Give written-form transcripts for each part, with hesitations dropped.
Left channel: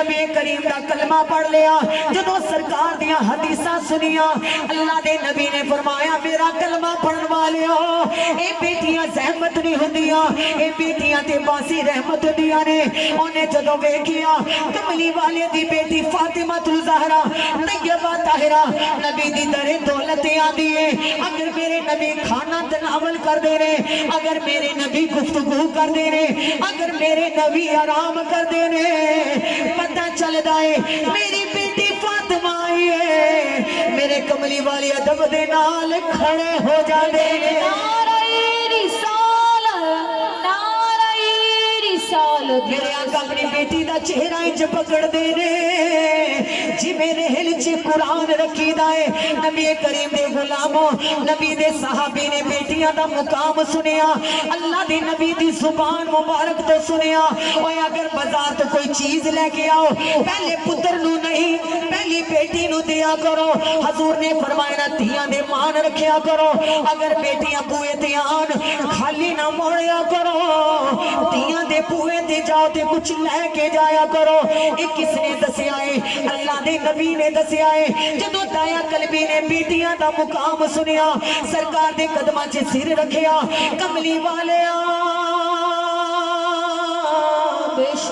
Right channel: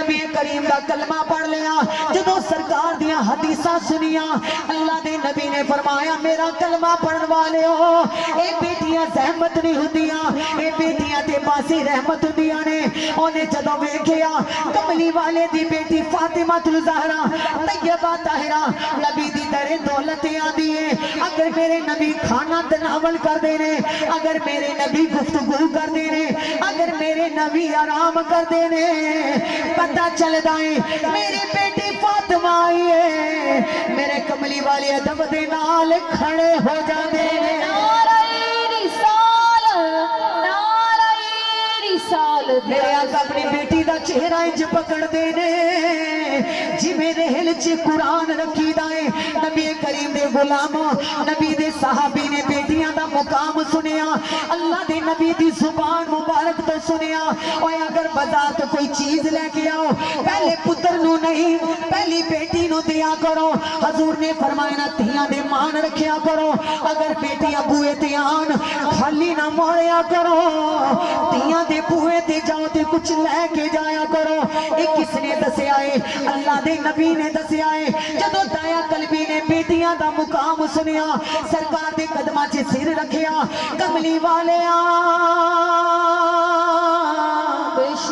नबी करीम दा कलमा पढ़ लिया, जदों सरकार दिया हदीसां सुनिया, अल्लाह दे नबी ने फरमाया मेरा कलमा पढ़न वालियो, ए बेटियां जहमत नहीं हुंदियां, ए बेटियां ते बासी रहमत हुंदियां ने। ओने जदों वेखिया कमली वाले दी बेटी फातिमा तुल ज़हरा तैयबा ताहिरा नबी दी दरे दौलत आंदी है। अगर मेरे नबी खाना तनावल करदे ने, अगर मेरे नबी गुफ्तगू करदे ने, अगर मेरे नबी आराम करदे ने, पता चलदा है मेरी बेटी फातिमा आई है। मेरे कमली वाले अदब दे नाल खड़े हो जाते हैं। मेरे आका अपनी बेटी दा चेहरा इंज पकड़दे ने जिवें रेल च कुरान रखीदा है। नबी करीम दे गुलामों, नबी दे सहाबी ने बेटियां दा मुकाम सुनिया, अल्लाह दे नबी दी जुबान मुबारक तो सुनिया। ओए अगर बाजार तो कोई चीज लेके आओ, पहले पुत्र नू नहीं पहली बेटी नू दिया करो। हजूर ने फरमाया ना धियां दे मान रखिया करो। अगर बेटियां बूए ते आन खाली ना मोड़िया करो, धियां दे बूए ते जाओ ते कुछ लेके जाया करो। ये किसने दसिया है? अल्लाह दे नबी ने दसिया है। जदों दाया कलबी ने बेटियां दा मुकाम सुनिया, सरकार दे कदमां च सिर रखिया, कमली वालिया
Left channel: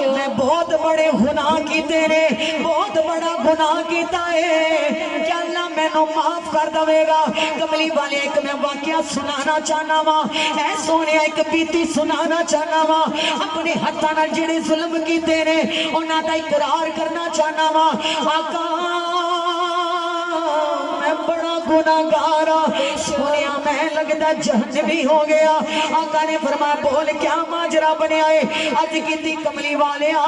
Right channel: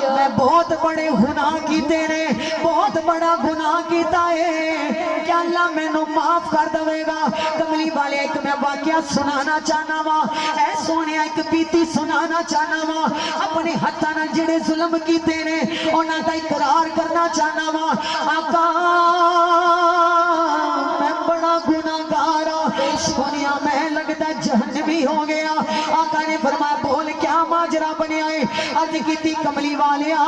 मैं बहुत बड़े गुनाह कीते ने, बहुत बड़ा गुनाह कीता है, क्या अल्लाह मैनू माफ कर देगा? कमली वाले एक मैं वाकया सुनाना चाहना वा, ऐ सोने एक बीती सुनाना चाहना वा। अपने हत्थां नाल जिहड़े जुल्म कीते ने उन्हां दा इकरार करना चाहना वा। आका मैं बड़ा गुनाहगार आ, सुनिया मैं लगदा जहन्नमी हो गया। आका ने फरमाया बोल क्या माजरा बनया है? अज कीती कमली वालिया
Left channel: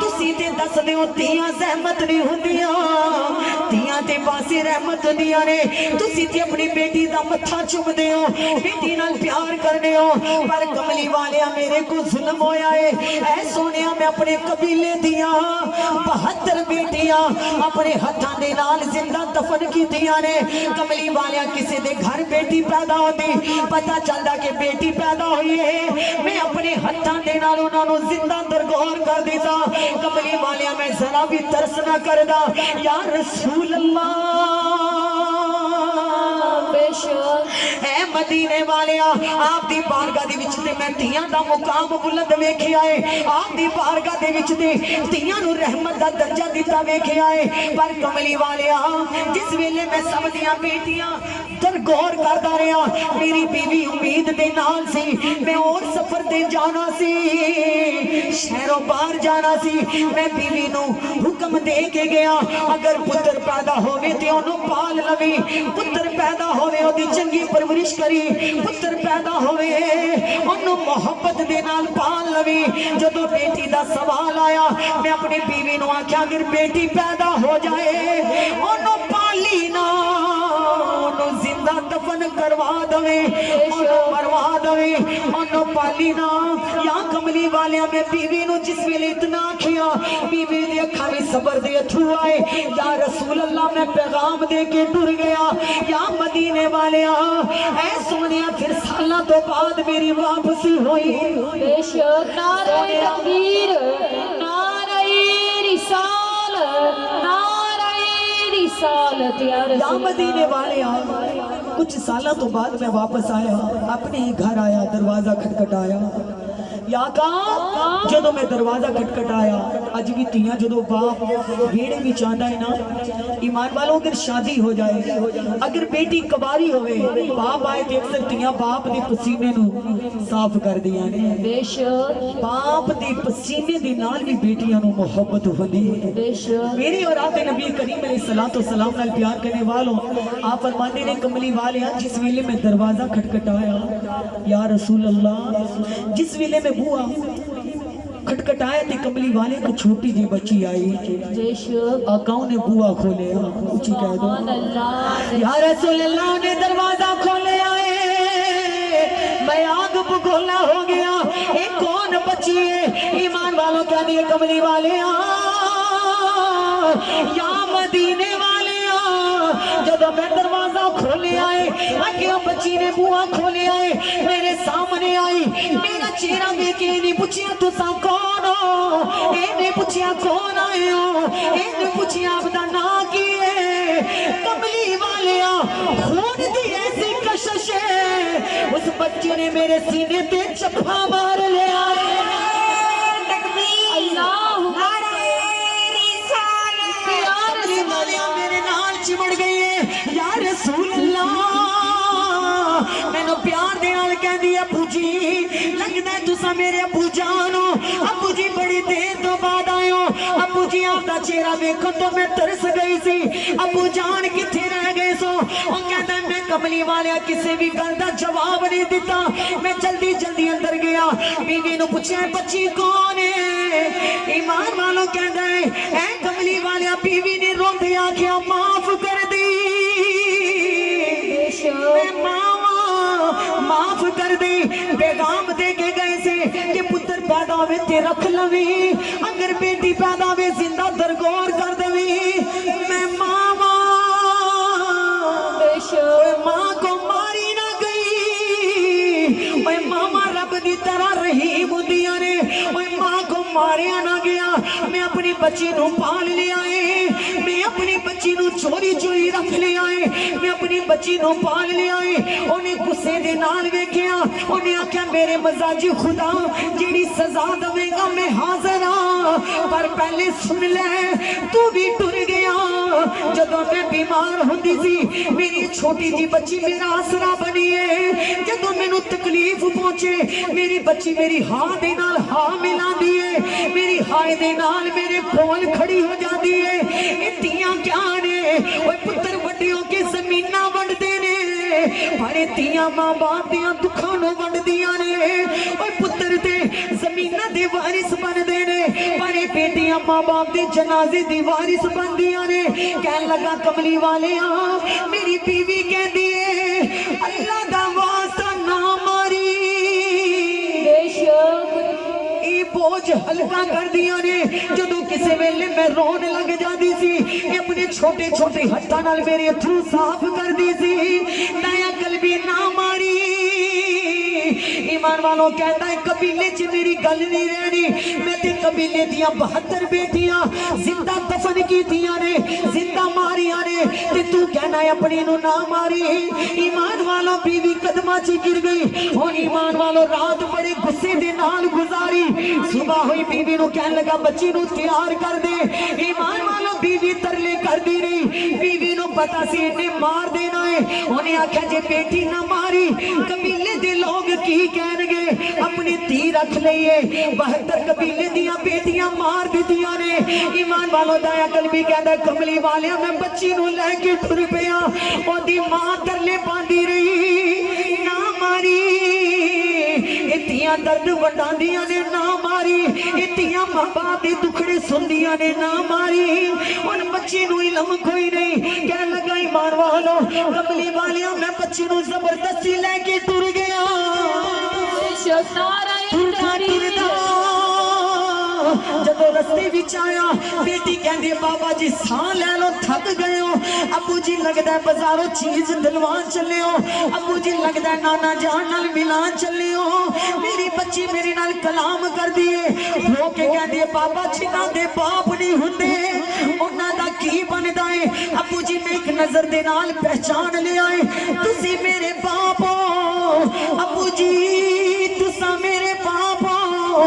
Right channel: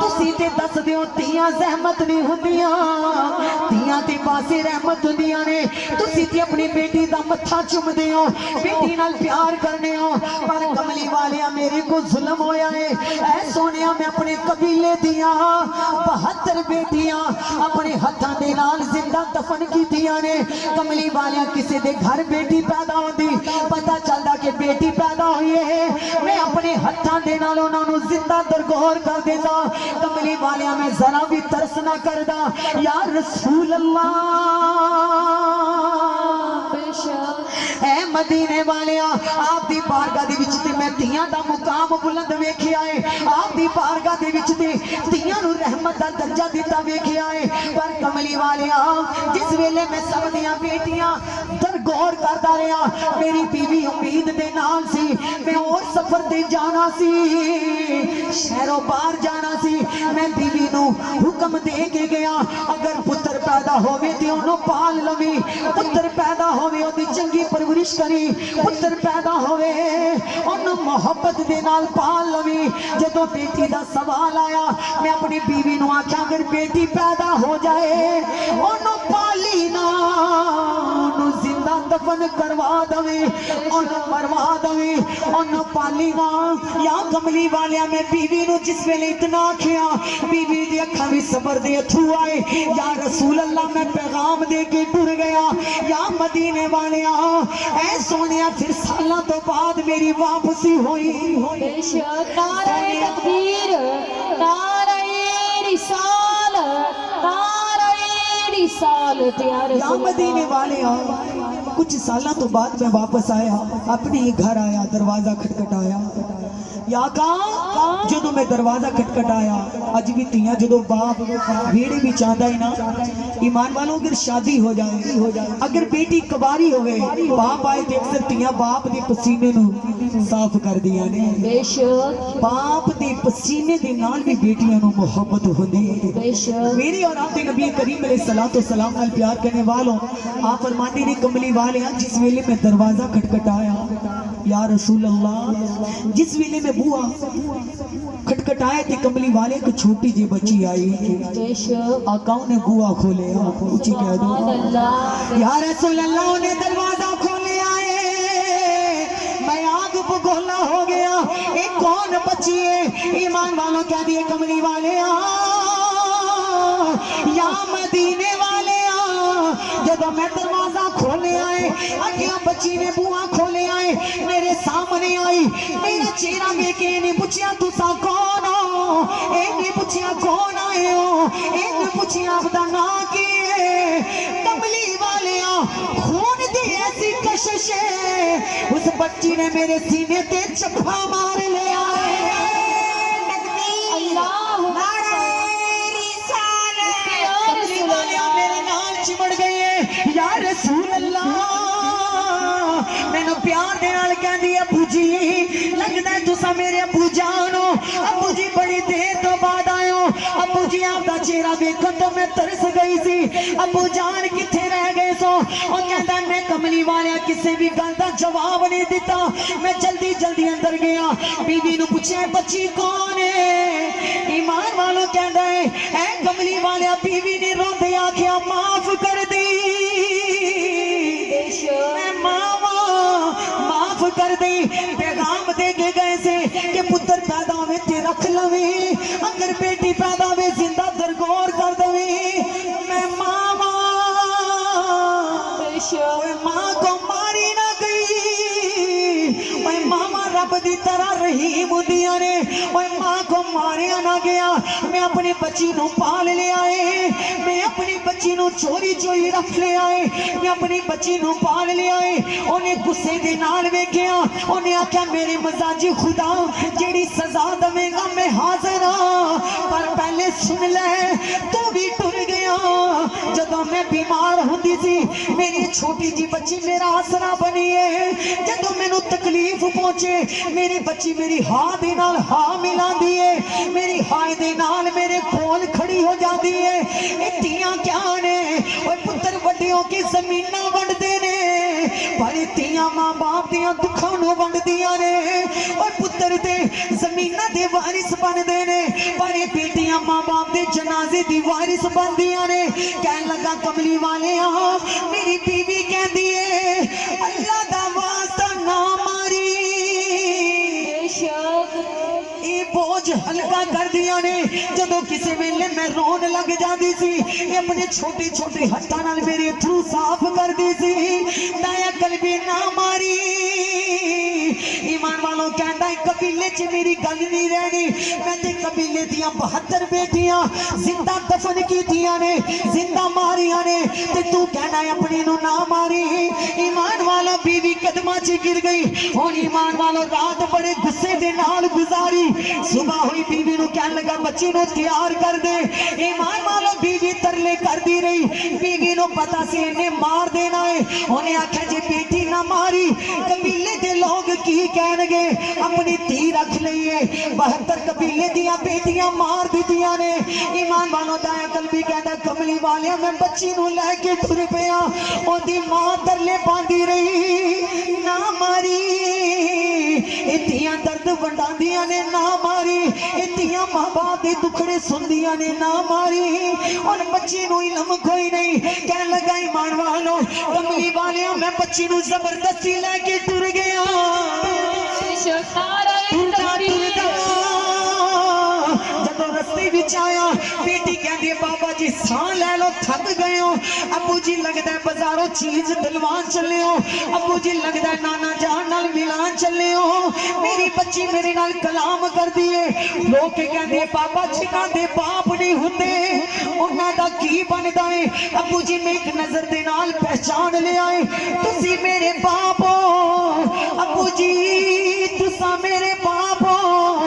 तुसी ते दस दिओ धियां ज़हमत नहीं हुंदियां, धियां ते बासी रहमत हुंदियां ने। तुसी ते अपनी बेटी दा मत्था चुमदे हो, बेटी नाल प्यार करदे हो, पर कमली वालिया मेरे को जुल्म होया है। ऐ सोनिया मैं अपने कबीले दियां 72 बेटियां अपने हत्थां दे नाल जिंदा दफन कीतियां ने। कमली वालिया किसी दे घर बेटी पैदा होती, पता चलदा कि बेटी पैदा हुई है, मैं अपने हत्थां दे नाल उन्हां नूं जिंदा दरगोर कर देता। कमली वालिया मैं जरा भी तरस ना करदा, या रसूल अल्लाह ऐ मदीने वालिया आप दी बारगाह दे विच ते मैं धियां दा मुकाम बुलंद वेखिया है, आप दी बारगाह दे विच ते धियां नूं रहमत दा दर्जा दिता वेखिया है। पर कमली वालिया जिस वेले मैं सब दियां बेटियां दरगोर करदा रहा, मेरी बीवी उम्मीद दे नाल सी, मैं और सफर ते जाना सी, शहरों बाहर जाना सी। मैं बीवी नूं हुक्म दे के गया अगर पुत्र पैदा होवे ते ओनू पाल लवी, पुत्र पैदा होवे ओदी चंगी परवरिश करी, पुत्र पैदा होवे ओनू मोहब्बत दे नाल पाल लवी। जदों बेटी दा सवाल आया मैं अपनी बीवी नूं आख्या अगर बेटी पैदा हो जाए ओनू पाली ना, ओनू जिंदा दफन करवा दवे, ओनू मरवा दवे, ओनू पाली ना। या कमली वालिया मैं बीवी नूं जिस वेले इतना आखिया बीवी दी अखां विच सबर दे अथरू आए। या रसूल अल्लाह मैं पैगाम दे के टुर गया। या मदीने वालिया ऐ सोनिया फिर सालों तो बाद मेरी वापसी हुई। बेशक नारे तकबीर, नारे रिसालत, नारे रिसालत या रसूल। या मदीने वालिया कुछ सालों तो बाद मैं वापस आया, अपने ही घर आया, दरवाजा खटखटाया। या कहा जो मैं दरवाजा खटखटाया, अज भी तियां जो बाप वेड़े में चाहता है ना, ईमान वालों अगर शादी हो जाए, अगर बेटी कबारी होवे बाप आए तो अक्सर तियां बाप दे पसीने नू साफ कर दिया ने। बेशक बाप दे पसीने दे नाल भी बेटियां नू मोहब्बत होंदी है। बेशक मेरे और आप नबी करीम अलैहिस्सलातु वस्सलाम नाल प्यार करने वालों आप फरमाते ने कमली वाले जिस वेले मैं दरवाजा खटखटाया या रसूल अल्लाह, जिस वेले मैं बुआ खटखटाया थी कमली वाले को छोटी जी बच्ची आई। बेशक आकाओं ने बुआ खोले, ऊंची कह दो या रसूल अल्लाह ने दरवाजा खोले आए, मैं आग बगोला हो गया। एक कौन बच्ची है? ईमान वालों क्या दिए कमली वाले या मदीने वाले जब मैं दरवाजा खोले आए अगला बच्ची ने बुआ खोले आए, मेरे सामने आई, मेरा चेहरा वेखे नहीं पूछया तुसा कौन हो? पूछया कौन आए हो, इन्हें पूछया आपदा ना की है। कमली वालिया खून दी ऐसी कशिश है, उस बच्ची ने मेरे सीने ते चप्पा मार लिया है। मेरे नाल चिमड़ गई है या रसूल अल्लाह। मैनू प्यार दे नाल कहंदी है अबू जी, लगदा है तुसा मेरे अबू जान हो। अबू जी बड़ी देर तो बाद आए हो। अबू जी आपका चेहरा देखो तो मैं तरस गई सी। अबू जान किथे रह गए सो? और कहता मैं कमली वालिया किसी भी गल का जवाब नहीं दिता। मैं जल्दी जल्दी अंदर गया, बीवी नू पूछा बच्ची कौन है। ईमान वालों कहता है ऐ कमली वालिया बीवी ने रोंदे आख्या माफ कर दी, माफ कर दे। पैगाम दे के गए से कि पुत्र पैदा हुए ते रख लवी, अगर बेटी पैदा हुए जिंदा दरगोर कर दवी। मैं मामा मां को मारी ना गई, मैं मामा रब दी तरह रहीम होंदियां ने। मां को मारिया ना गया, मैं अपनी बच्ची नू पाल लिया है। मैं अपनी बच्ची नू चोरी चोरी रख लिया है। मैं अपनी बच्ची नू पाल लिया है। उन्हें गुस्से दे नाल वेख्या, उन्हें आख्या मेरे मजाजी खुदा जेड़ी सजा देवेगा मैं हाजिर हाँ, पर पहले सुन ले तू भी टुर गया। जदों मैं बीमार होंदी सी मेरी छोटी जी बच्ची मेरा आसरा बनी है। जदों मैनू तकलीफ पहुंचे मेरी बच्ची मेरी हाँ दे नाल हाँ मिलांदी है, मेरी हाँ दे नाल मेरे कोल खड़ी हो जाती है। ये तियां क्या ने? ओए पुत्र वड्डियों की जमीना वंडदे ने, पर तियां मां बाप दियां दुखां नू वंडदियां ने। ओए पुत्र ते जमीना दे वारिस बनदे ने, पर बेटियां मां बाप दे जनाजे दी वारिस बनदियां ने। कहन लगा कमली वालिया मेरी बीवी कहंदी है अल्लाह दा वास्ता ना मारी, बोझ हल्का कर दिया ने। जदों किसी वेले मैं रोन लग जाती सी, अपने छोटे छोटे हत्थां नाल मेरे अथरू साफ कर दी सी। दया कलबी ना मारी। ईमान वालों कहता है कबीले च मेरी गल नहीं रहनी। मैं ते कबीले दियां 72 बेटियां जिंदा दफन कीतियां ने, जिंदा मारिया ने, ते तू कहना अपनी नू ना मारी। ईमान वालों बीवी कदमां च गिर गई। हुण ईमान वालों रात बड़े गुस्से दे नाल गुजारी। सुबह हुई बीवी नू कहन लगा बच्ची नू तैयार कर दे। ईमान वालों बीवी तरले करदी रही। बीवी नू पता सी इन्हें मार देना है। उन्हें आख्या जे बेटी ना मारी कबीले दे लोग की कहणगे। अपनी धी रख लईए, 72 कबीले दियां बेटियां मार दितियां ने। ईमान वालों दया कलबी कहदा कमली वालिया मैं बच्ची नू लैके टुर पिया। ओदी मां तरले पांदी रही ना मारी। इतियां दर्द वंडांदियां ने ना मारी, इतियां मां बाप दे दुखड़े सुनदियां ने ना मारी। और बच्ची नू इलम कोई नहीं। कहन लगा ईमान वालों कमली वालिया मैं बच्ची नू जबरदस्ती लेके टुर गया। जदों रस्ते विच आया बेटी कहंदी बाबा जी साह ले लो थक गए हो। अबू जी लगदा बाजारों चीज दिलवान चले हो। अबू जी लगदा नाना जान नाल मिलान चले हो। मेरी बच्ची मेरे नाल कलाम कर दिए। लोग के कहंदे बाबा जी ना दे बाप नहीं हुंदे उन्हां दा की बनदा है। अबू जी ने एक नजर दे नाल पहचान लिया है तुसी मेरे बाप हो। अबू जी तुसा मेरे बाप हो।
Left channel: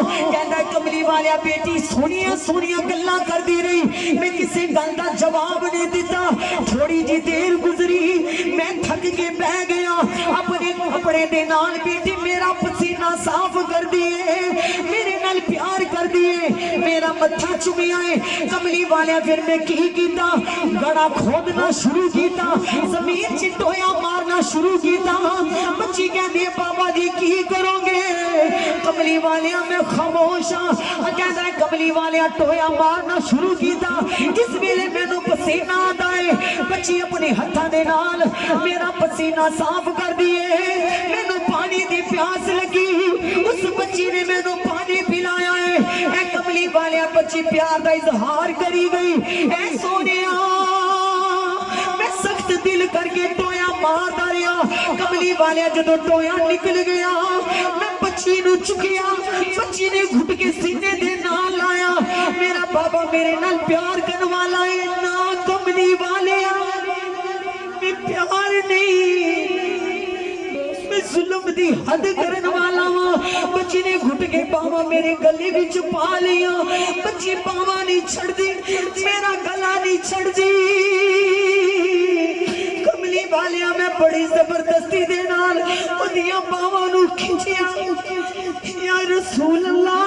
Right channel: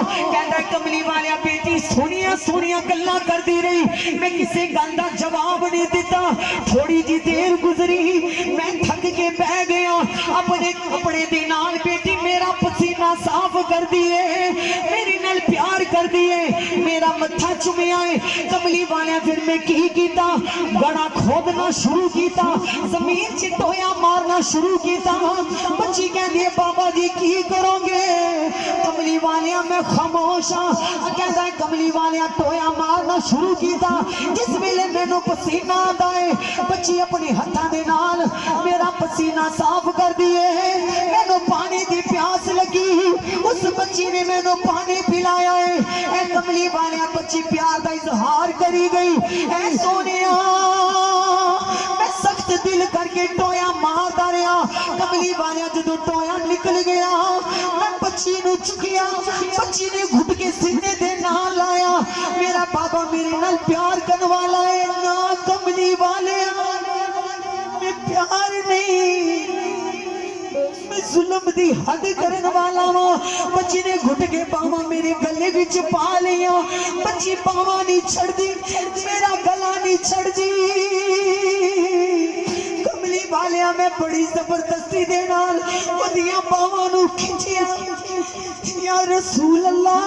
कहंदा कमली वालिया बेटी सोनिया सोनिया गल्लां करदी रही। मैं किसी गल दा जवाब नहीं दिता। थोड़ी जी देर गुजरी मैं थक के बह गया। अपने कपड़े दे नाल बेटी मेरा पसीना साफ कर दिए, मेरे नाल प्यार कर दिए, मेरा मत्था चुमिया है। कमली वालिया फिर मैं की कीता गड़ा खोदना शुरू किया, जमीन च टोया मारना शुरू किया। बच्ची कहती है बाबा जी की करोगे? कमली वालिया मैं खामोश हाँ। कहता है कमली वालिया टोया मारना शुरू किया। जिस वेले मैनू पसीना आता है बच्ची अपने हत्थां दे नाल मेरा पसीना साफ कर दिए। मैनू पानी दी प्यास लगी, उस बच्ची ने मैनू पानी पिलाया है। ऐ कमली वालिया बच्ची प्यार का इजहार करी गई। ऐ सोनिया मैं सख्त दिल करके टोया मारदा रहा। कमली वाले जदों टोया निकल गया मैं बच्ची नू चुकिया, बच्ची ने घुट के सीने दे नाल लाया। मेरा बाबा मेरे नाल प्यार करने वाला है ना कमली वाले मैं प्यार नहीं मैं जुल्म दी हद करने वाला वा। बच्ची ने घुट के बावा मेरे गले विच पा लिया। बच्ची बावा नहीं छड़दी, मेरा गला नहीं छड़दी। कमली वालिया मैं बड़ी जबरदस्ती दे नाल ओदियां बावां नू खिंचिया। या रसूल अल्लाह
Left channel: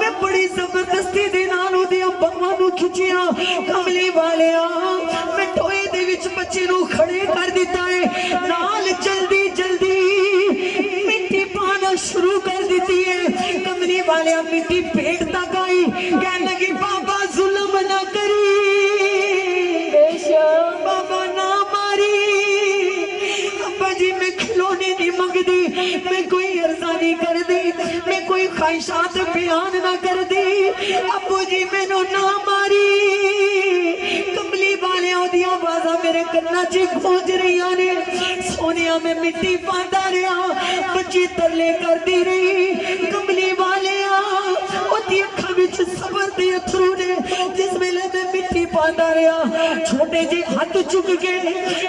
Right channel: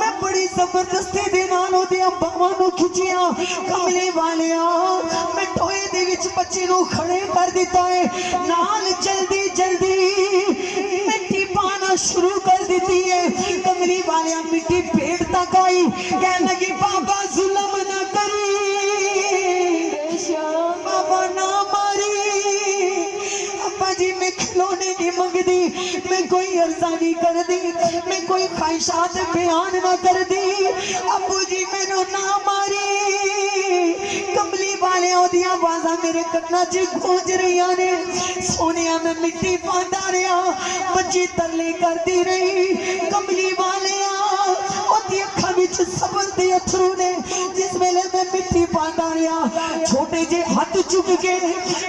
मैं बड़ी जबरदस्ती दे नाल ओदियां बावां नू खिंचिया। कमली वालिया मैं टोए दे विच बच्चे नू खड़े कर दिता है। नाल जल्दी जल्दी मिट्टी पाना शुरू कर दी है। कमली वालिया मिट्टी पेट तक आई, कह लगी बाबा जुल्म ना करी, बाबा ना मारी। अब्बा जी मैं खिलौने नहीं मंगदी, मैं कोई अर्जा नहीं कर दी, मैं कोई ख्वाहिशात बयान ना कर दी। अब्बू जी मैनू ना मारी। कमली वाले ओदियां आवाज़ां मेरे कन्नां च गूंज रहियां ने। सोनिया मैं मिट्टी पांदा रहा, बच्ची तरले करती रही। कमली वाले ओदी अखां विच सबर दे अथरू ने। जिस वेले मैं मिट्टी पांदा रहा छोटे जे हाथ चुक के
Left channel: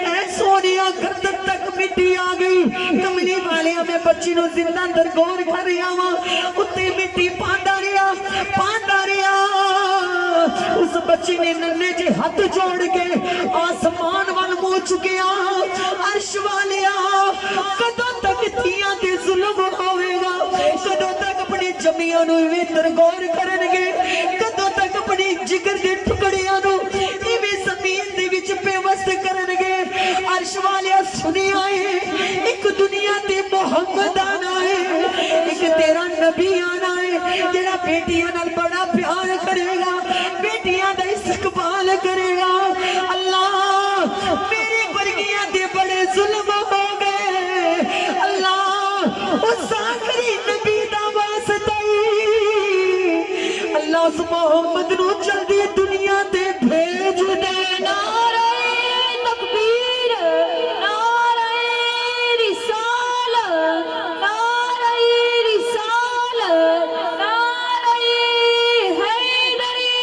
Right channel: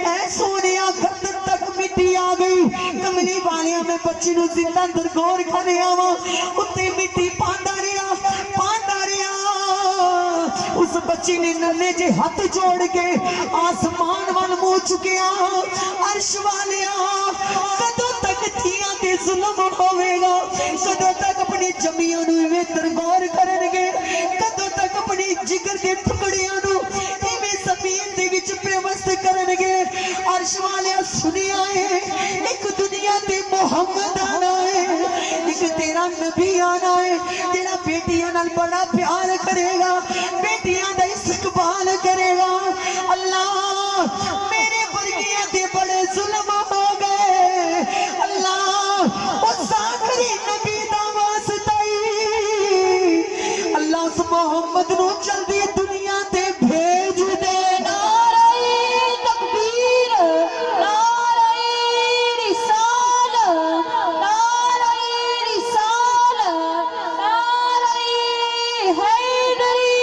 ऐ सोनिया गर्दन तक मिट्टी आ गई। कमली वाले मैं बच्ची नू जिंदा अंदर गौर कर रहा वा, उत्ते मिट्टी पांदा रहा पांदा रहा। उस बच्ची ने नन्हे जे हाथ जोड़ के आसमान वाल मुंह चुकिया। अर्श वालिया कदों तक धीआं ते जुल्म होवेगा, कदों तक अपनी जमियां नू इवें गौर करनगे, कदों तक अपनी जिगर के टुकड़ियां नू इवें जमीन दे विच बेवस्त करनगे। अर्श वालिया सुनिया है एक दुनिया ते मोहम्मद आना है, एक तेरा नबी आना है जेड़ा बेटियां नाल बड़ा प्यार करेगा, बेटियां दा इस्तकबाल करेगा। अल्लाह मेरे वर्गियां ते बड़े जुल्म हो गए। अल्लाह उस आखिरी नबी दा वास्ता अल्लाह उस मोहम्मद नू जल्दी दुनिया ते भेज दे। नारे तकबीर, नारे रिसाल, नारे रिसाल, नारे हैदरी,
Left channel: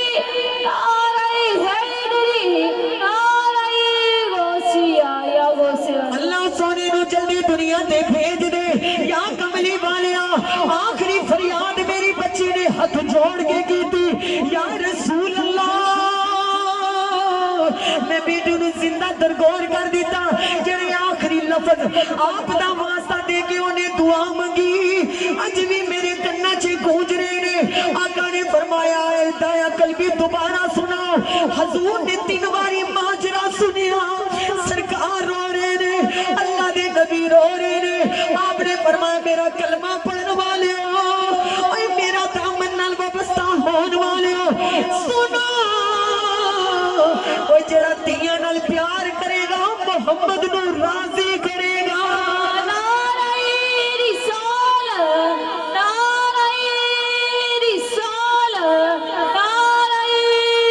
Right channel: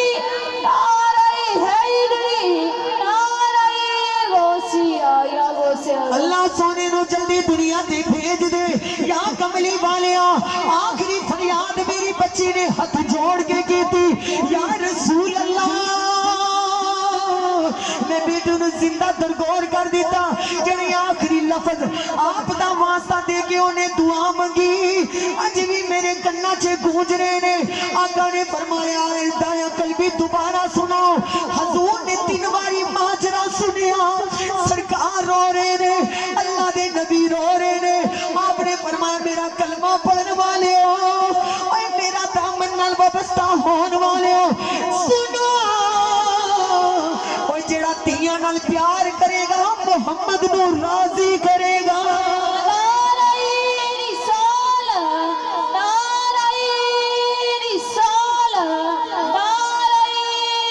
नारे हैदरी, नारे गौसिया या गौसिया। अल्लाह सोने नू जल्दी दुनिया ते भेज दे। या कमली वालिया आखिरी फरियाद मेरी बच्ची ने हाथ जोड़ के की थी। या रसूल अल्लाह मैं बेटी नू जिंदा दरगोर कर दिता। जेड़े आखिरी लफ्ज आप दा वास्ता दे के उन्हें दुआ मंगी अज भी मेरे कन्ना च गूंज रहे ने। आका ने फरमाया दाया कलबी दोबारा सुना। हजूर ने 3 बारी माजरा सुनिया, सरकार रो रहे ने, अल्लाह दे नबी रो रहे ने। आपने फरमाया मेरा कलमा पढ़ने वाले हो और मेरा दामन नाल वाबस्ता होने वाले हो सुनो। ओ जेड़ा तियां नाल प्यार करेगा मोहम्मद नू राजी करेगा। नारे रिसाल, नारे रिसाल, नारे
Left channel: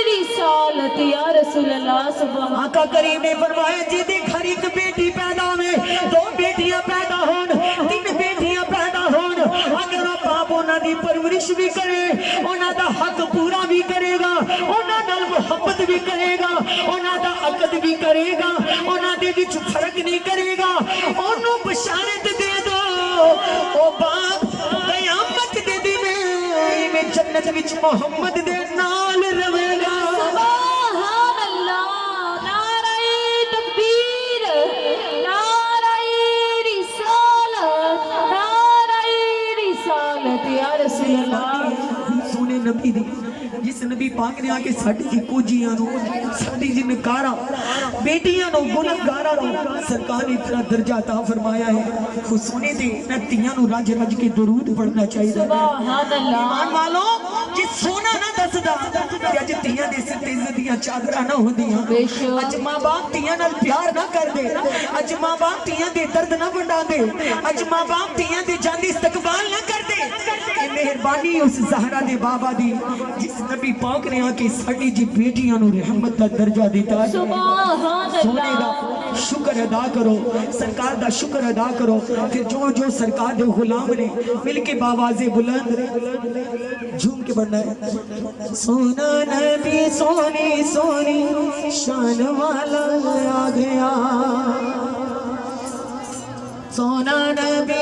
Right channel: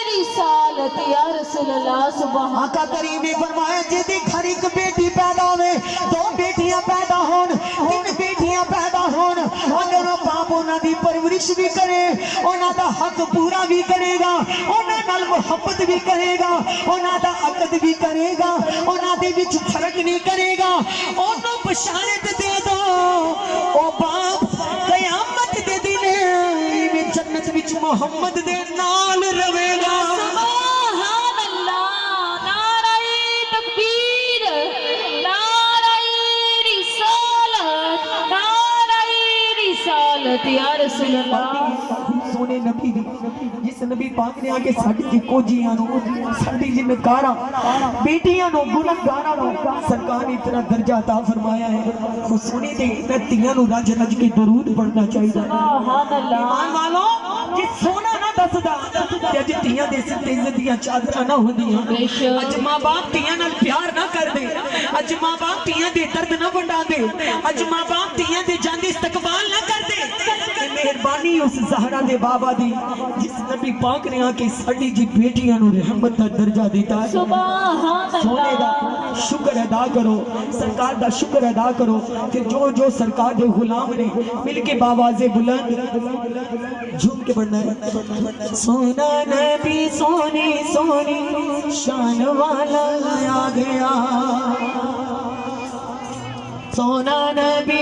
रिसालत या रसूल अल्लाह सुभान। आका करीम ने फरमाया जिहदे घर एक बेटी पैदा होवे, 2 बेटियां पैदा होन, 3 बेटियां पैदा होन, अगर वो बाप उन्हां दी परवरिश भी करे, उन्हां दा हक पूरा भी करेगा, उन्हां नाल मुहब्बत भी करेगा, उन्हां दा अकद भी करेगा, उन्हां दे विच फर्क नहीं करेगा। ओनू बशारत दे दो ओ बाप कयामत दे दिन इवें जन्नत विच मोहम्मद दे नाल रवेगा। सुभान अल्लाह, नारे तकबीर, नारे रिसाल, नारे रिसालत या रसूल अल्लाह। सोने नबी दी जिस नबी पाक ने आके साडी कोजियां नु साडी जिन्नकारा बेटियां नु गुनहगारां नु सरकार ने इतना दर्जा अता फरमाया है। वो सोने दे मैं तियां नु रज रज के दरूद पढ़ना चाहिए। सुभान अल्लाह। ईमान वालों जिस सोना ना दसदा ते अज धीआं दे सिर ते इज्जत दियां चादरां ना होंदियां बेशक। अज मां बाप धीआं नाल प्यार ना करदे अज मां बाप धीआं दे दर्द ना वंडांदे अज मां बाप धीआं दे जांदे इस्तकबाल ना करदे ये मेहरबानी उस ज़हरा दे बाबा दी जिस नबी पाक ने आके साडी जी बेटियां नु रहमत दा दर्जा दिता है सुभान सोने दा अल्लाह शुक्र अदा करो सरकार दा शुक्र अदा करो फिर जो जो सरकार दे गुलाम ने मिलके बावाज़े बुलंद झूम के बढ़ना है सोना नबी सोनी सोनी शान वाला आ गया सोना नबी